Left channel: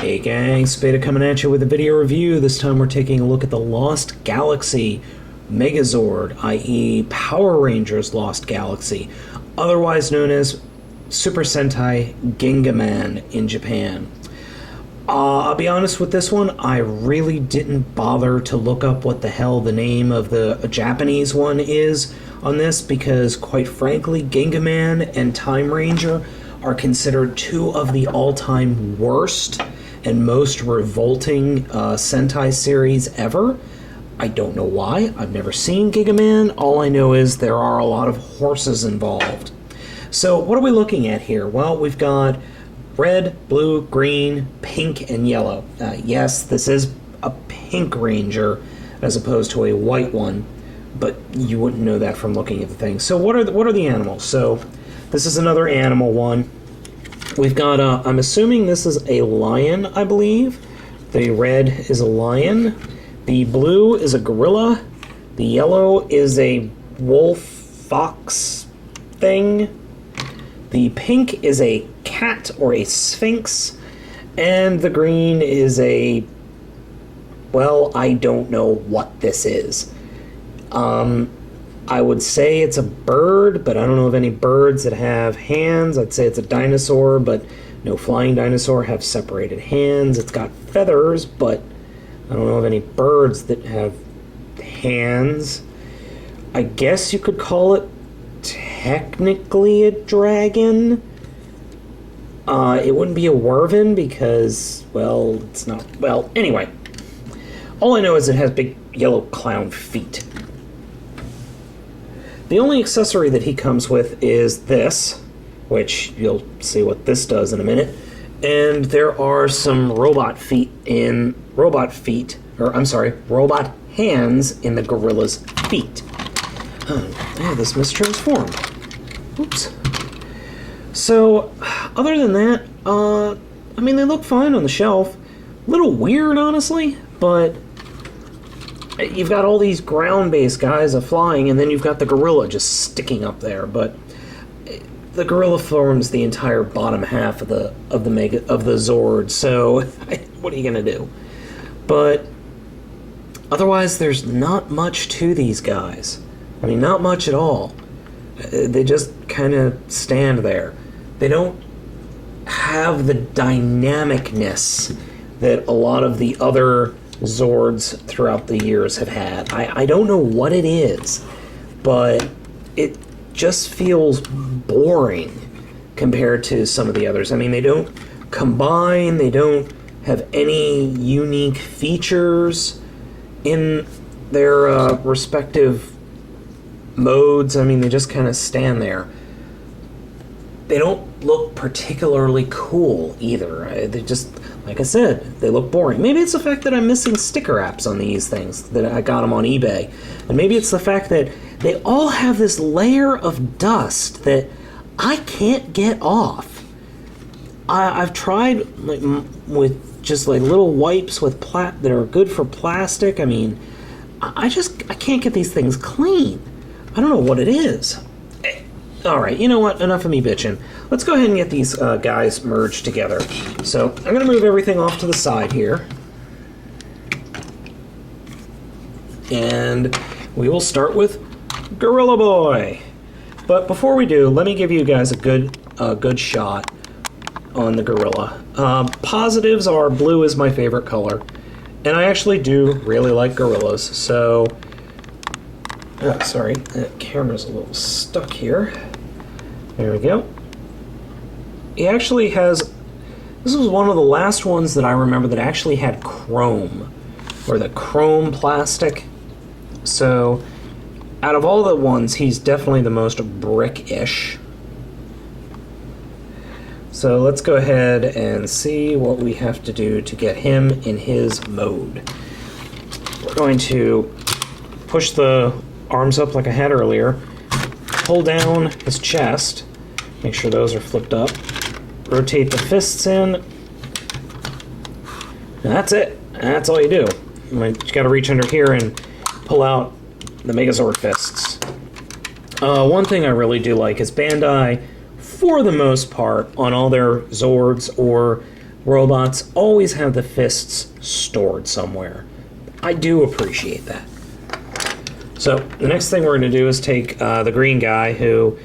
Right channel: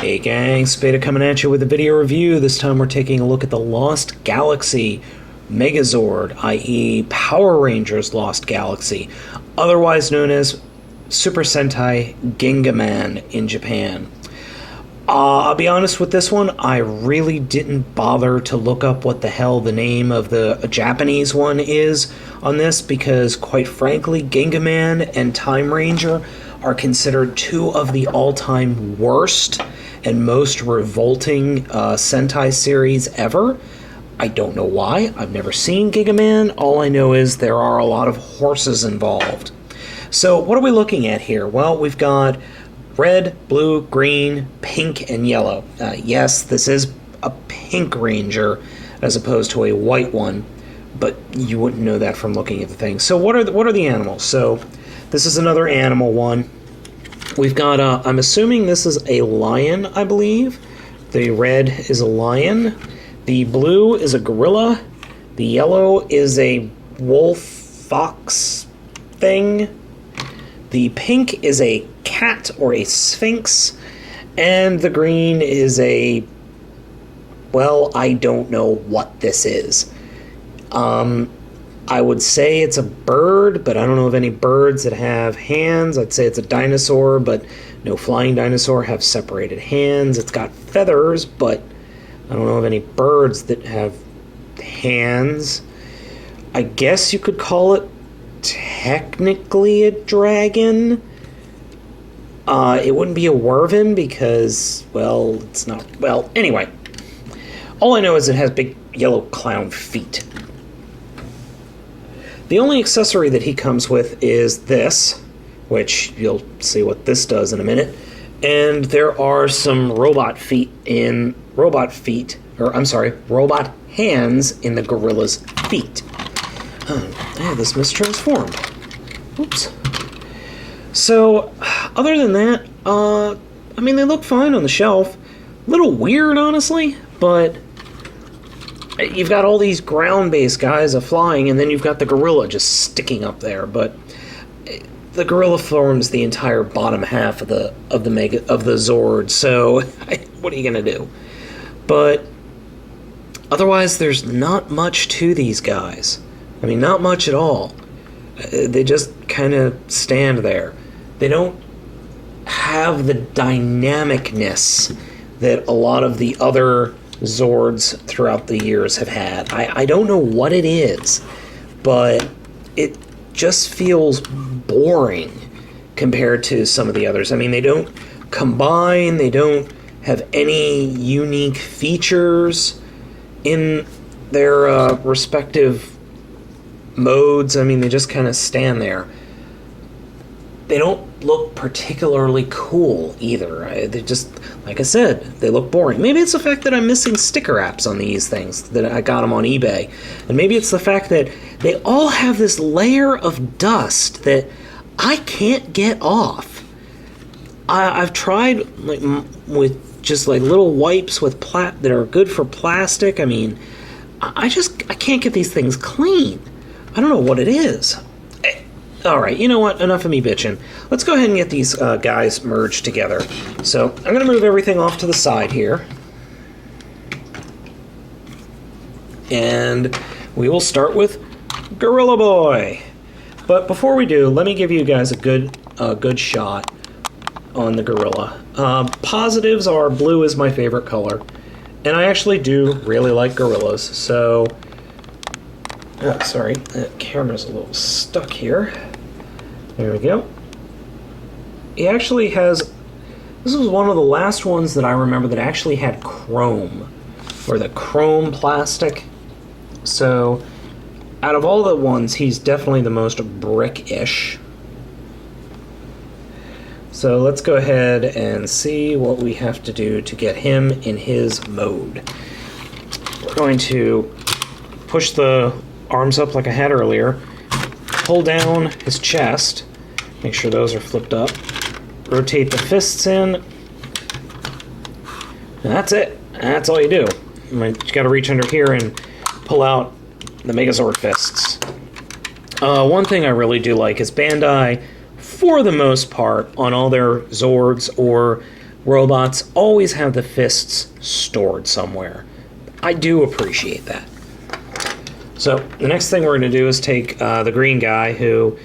Hey gang, Spada coming at you with a video review. This time we're taking a look at the Lost Galaxy Megazord, i.e. Power Rangers Lost Galaxy, otherwise known as Super Sentai Gingaman in Japan. I'll be honest with this one, I really didn't bother to look up what the hell the name of the Japanese one is on this, because quite frankly, Gingaman and Time Ranger are considered two of the all-time worst and most revolting Sentai series ever. I don't know why. I've never seen Gigaman. All I know is there are a lot of horses involved. So what are we looking at here? Well, we've got red, blue, green, pink, and yellow. Yes, this is a pink ranger as opposed to a white one, but you wouldn't know that from looking at the thing. So what are the animals? So this is another animal one. We've got, I'm assuming this is a lion, I believe. The red is a lion. The blue is a gorilla. The yellow is a wolf fox thing. The pink is a cat or a sphinx. And the green is a, well, I don't know what this is. I would say it's a bird, but I don't know of any birds that have hands. I'd say it's a dinosaur, but no flying dinosaur have separated hands. It's got feathers, but I don't know of any birds that have hands. I guess you could call it technically a dragon. It wouldn't be a wyvern because, well, it's not. Well, anyway. All I know is it has big yellow clown feet. The only accessory that he comes with is this, which you'll see what this does in a minute. And there are some robot hands in the gorilla's feet. Yeah, this mistransformed. Oops. So, other than that, I mean, they look fine on the shelf. A little weird, honestly, but you've got all these ground-based guys flying, and then you've got the gorilla just sticking up there. But the gorilla forms the entire bottom half of the Zord. So what are you gonna do? But otherwise, there's not much to these guys. I mean, not much at all. They just kind of stand there. They don't have the dynamicness that a lot of the other Zords throughout the years have had. I don't know what it is, but it just feels boring compared to some of the others. I mean, they don't combine, they don't have any unique features in their respective modes. I mean, they just kind of stand there. They don't look particularly cool either. They just, like I said, they look boring. Maybe it's the fact that I'm missing sticker apps on these things, that I got them on eBay. And maybe it's the fact that they all have this layer of dust that I can't get off. I've tried with just like little wipes with that are good for plastic. I mean, I can't get these things clean. I don't know what it is. Alright, you know what? Enough of me bitching. Let's go ahead and get these guys merged together. So, I'm going to move everything off to the side here. And we will start with Gorilla Boy. But before we do, let me give you guys a good shot on the gorilla. Positives are blue is my favorite color. And I actually do really like gorillas. So, sorry, the camera's a little stuck here. There we go. He actually has, this was one of the last ones that I remember that actually had chrome, or the chrome plastic. So, out of all the ones, he's definitely the most brick-ish. So let's go ahead and see what we have to do to get him in his mode. We're going to push the arms up like I had earlier, pull down his chest, make sure those are flipped up, rotate the fists in, and that's it. That's all you do. You got to reach under here and pull out the Megazord fists. One thing I really do like is Bandai, for the most part, on all their Zords or robots always have the fists stored somewhere. I do appreciate that. So the next thing we're going to do is take the green guy, who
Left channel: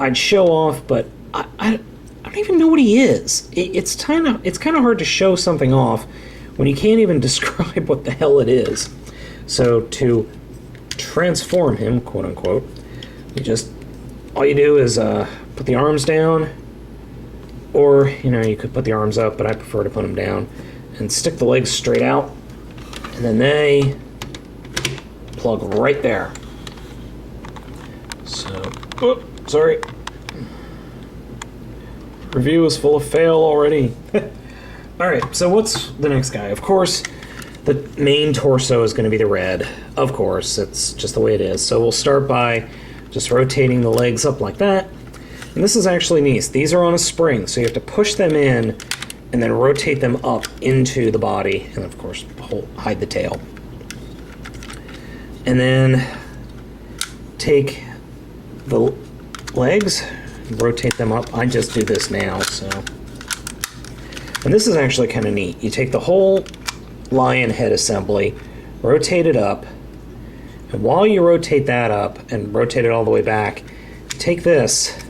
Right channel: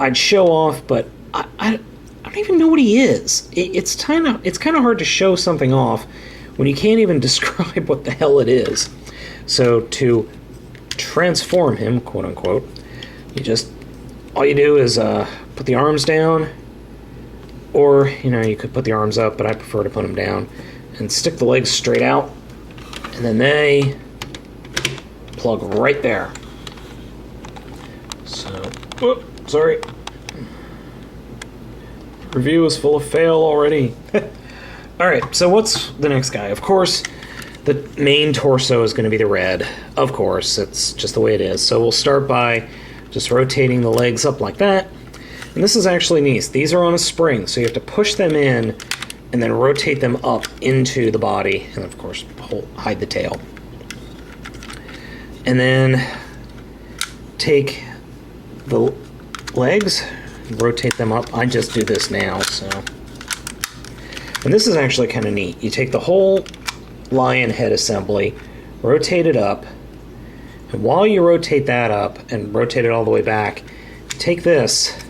I'd show off, but I don't even know what he is. It's kind of hard to show something off when you can't even describe what the hell it is. So to transform him, quote unquote, all you do is put the arms down, or you could put the arms up, but I prefer to put them down, and stick the legs straight out, and then they plug right there. So, sorry. Review is full of fail already. Alright, so what's the next guy? Of course, the main torso is going to be the red. Of course, it's just the way it is. So we'll start by just rotating the legs up like that. And this is actually neat. These are on a spring, so you have to push them in and then rotate them up into the body. And of course, hide the tail. And then take the legs, rotate them up. I just do this now, so. And this is actually kind of neat. You take the whole lion head assembly, rotate it up, and while you rotate that up and rotate it all the way back, take this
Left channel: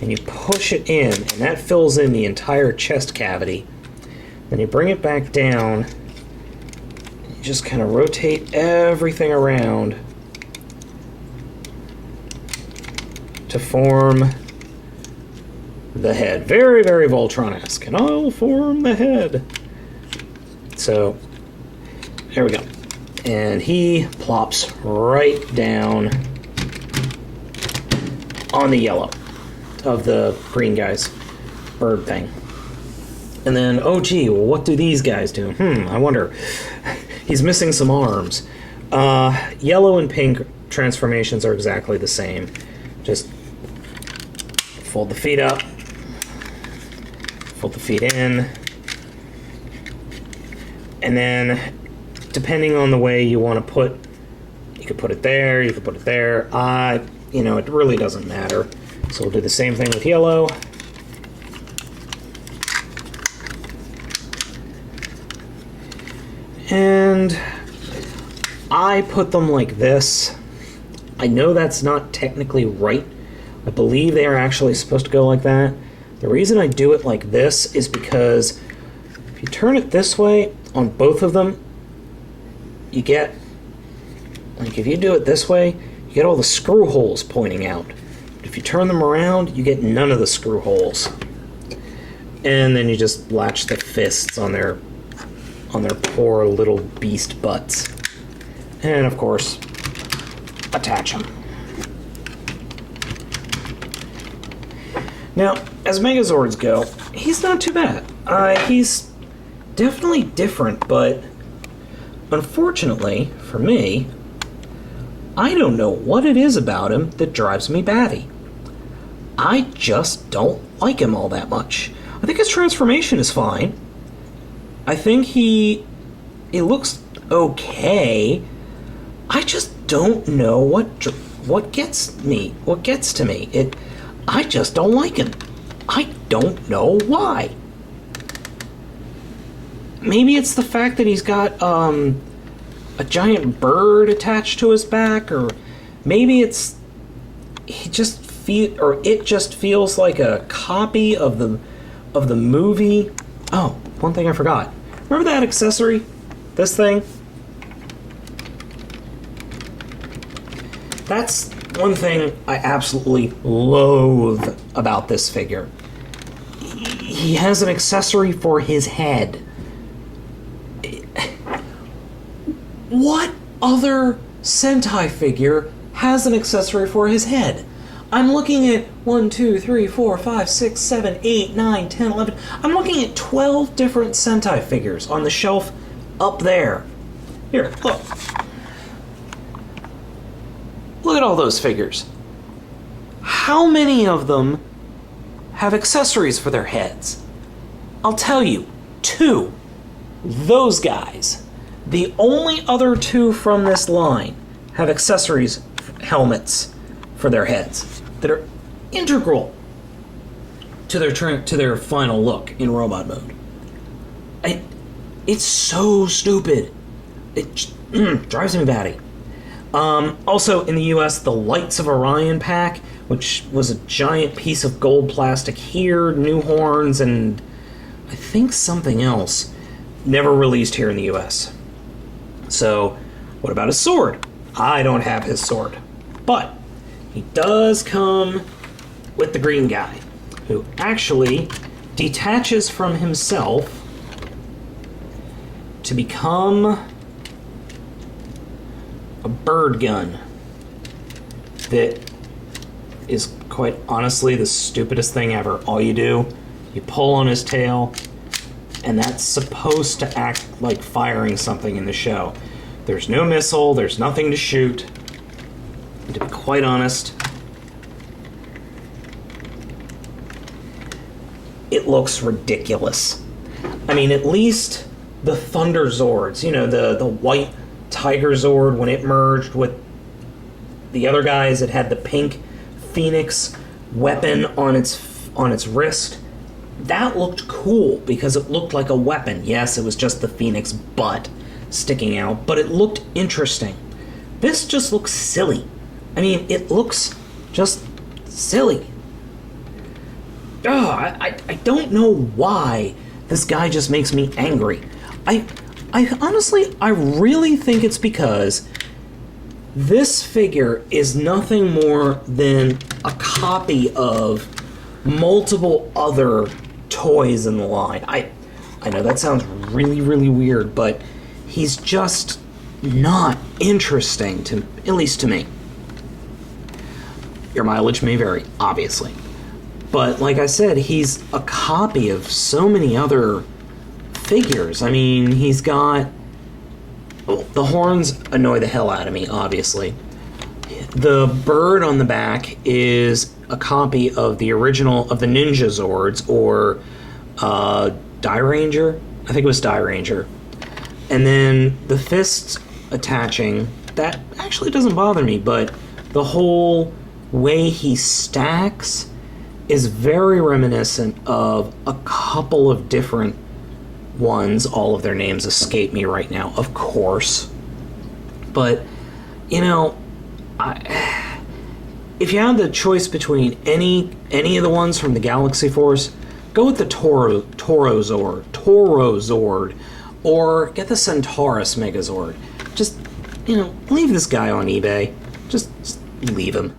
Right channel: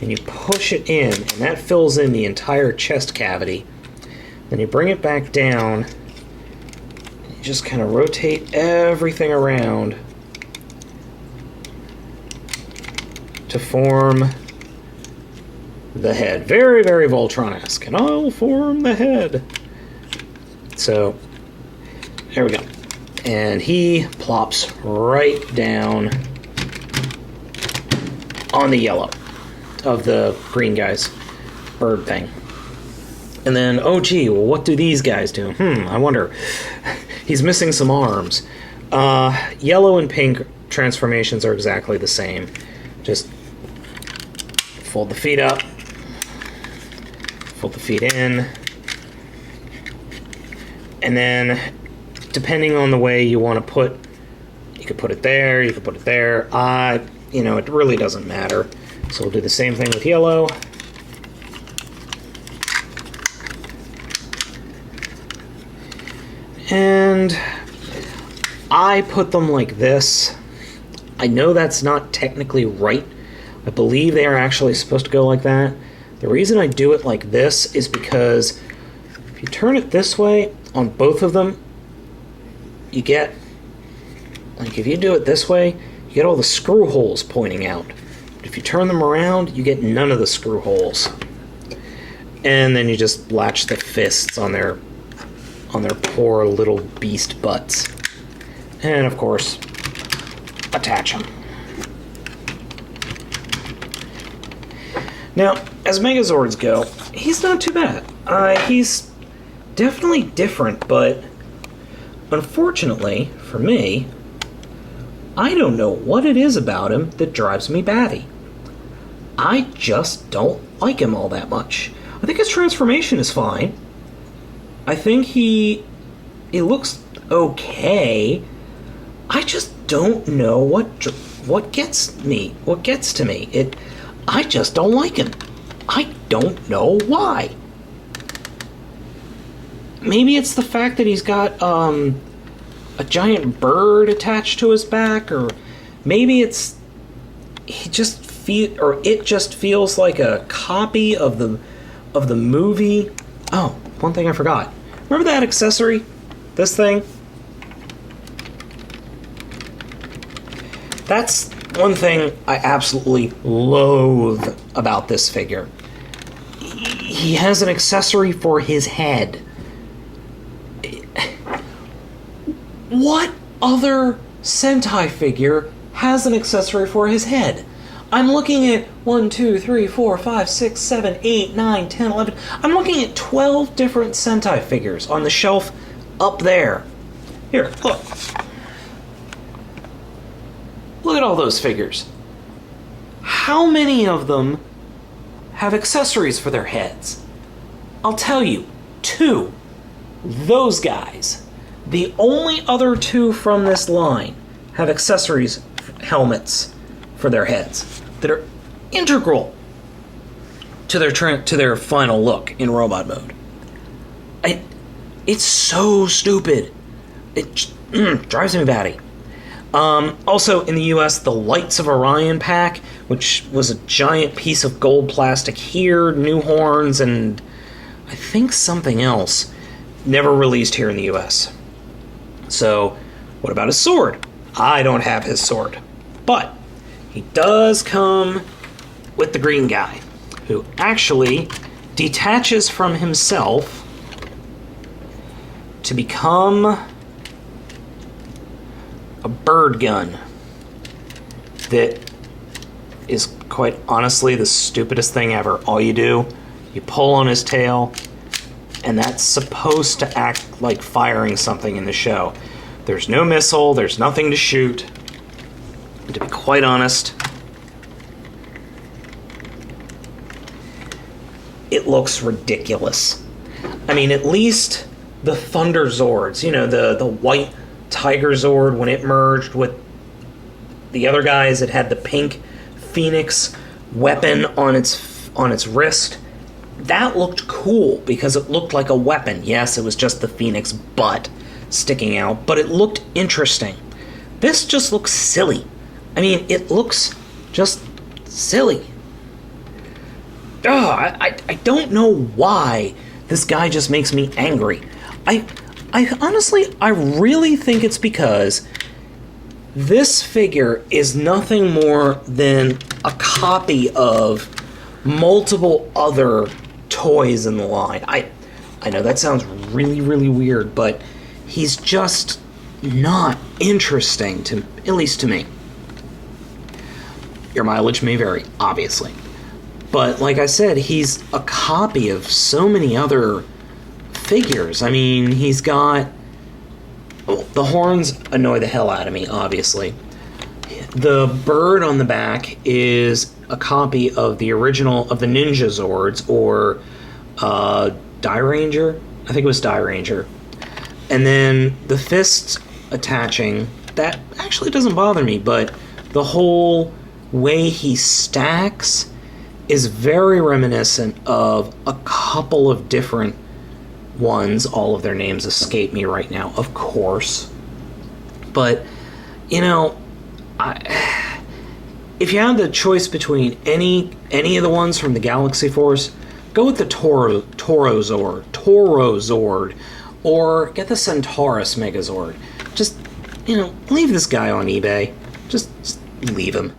and you push it in, and that fills in the entire chest cavity. Then you bring it back down, and you just kind of rotate everything around to form the head. Very, very Voltron-esque. And I'll form the head. So, there we go. And he plops right down on the yellow of the green guy's bird thing. And then, oh gee, well, what do these guys do? I wonder. He's missing some arms. Yellow and pink transformations are exactly the same. Just fold the feet up, fold the feet in, and then depending on the way you want to put, you could put it there, you could put it there. It really doesn't matter. So we'll do the same thing with yellow. And I put them like this. I know that's not technically right. I believe they are actually supposed to go like that. The reason I do it like this is because if you turn it this way on both of them, you get, like if you do it this way, you get all the screw holes pointing out. But if you turn them around, you get none of the screw holes. And then you just latch the fists on their poor little beast butts. And of course, attach them. Now, as Megazords go, he's not too bad. He's definitely different, but unfortunately for me, I don't know what it is about him that drives me batty. I just don't like him all that much. I think his transformation is fine. I think he looks okay. I just don't know what gets to me. I just don't like him. I don't know why. Maybe it's the fact that he's got a giant bird attached to his back, or maybe it just feels like a copy of the movie. Oh, one thing I forgot. Remember that accessory? This thing? That's one thing I absolutely loathe about this figure. He has an accessory for his head. What other Sentai figure has an accessory for his head? I'm looking at 1, 2, 3, 4, 5, 6, 7, 8, 9, 10, 11. I'm looking at 12 different Sentai figures on the shelf up there. Here, look. Look at all those figures. How many of them have accessories for their heads? I'll tell you, 2. Those guys. The only other 2 from this line have accessories, helmets for their heads that are integral to their final look in robot mode. It's so stupid. It drives me batty. Also, in the US, the Lights of Orion pack, which was a giant piece of gold plastic here, new horns, and I think something else, never released here in the US. So, what about his sword? I don't have his sword. But he does come with the green guy, who actually detaches from himself to become a bird gun that is quite honestly the stupidest thing ever. All you do, you pull on his tail, and that's supposed to act like firing something in the show. There's no missile, there's nothing to shoot. And to be quite honest, it looks ridiculous. I mean, at least the Thunder Zords, you know, the white Tiger Zord, when it merged with the other guys, it had the pink Phoenix weapon on its wrist. That looked cool because it looked like a weapon. Yes, it was just the Phoenix butt sticking out, but it looked interesting. This just looks silly. I mean, it looks just silly. I don't know why this guy just makes me angry. I honestly, I really think it's because this figure is nothing more than a copy of multiple other toys in the line. I know that sounds really, really weird, but he's just not interesting, to at least to me. Your mileage may vary, obviously. But like I said, he's a copy of so many other figures. I mean, he's got... Well, the horns annoy the hell out of me, obviously. The bird on the back is a copy of the original of the Ninja Zords, or Die Ranger? I think it was Die Ranger. And then the fists attaching, that actually doesn't bother me, but the whole way he stacks is very reminiscent of a couple of different ones. All of their names escape me right now, of course. But, you know, if you had the choice between any of the ones from the Galaxy Force, go with the Toro Zord, or get the Centaurus Megazord. Just, you know, leave this guy on eBay. Just leave him.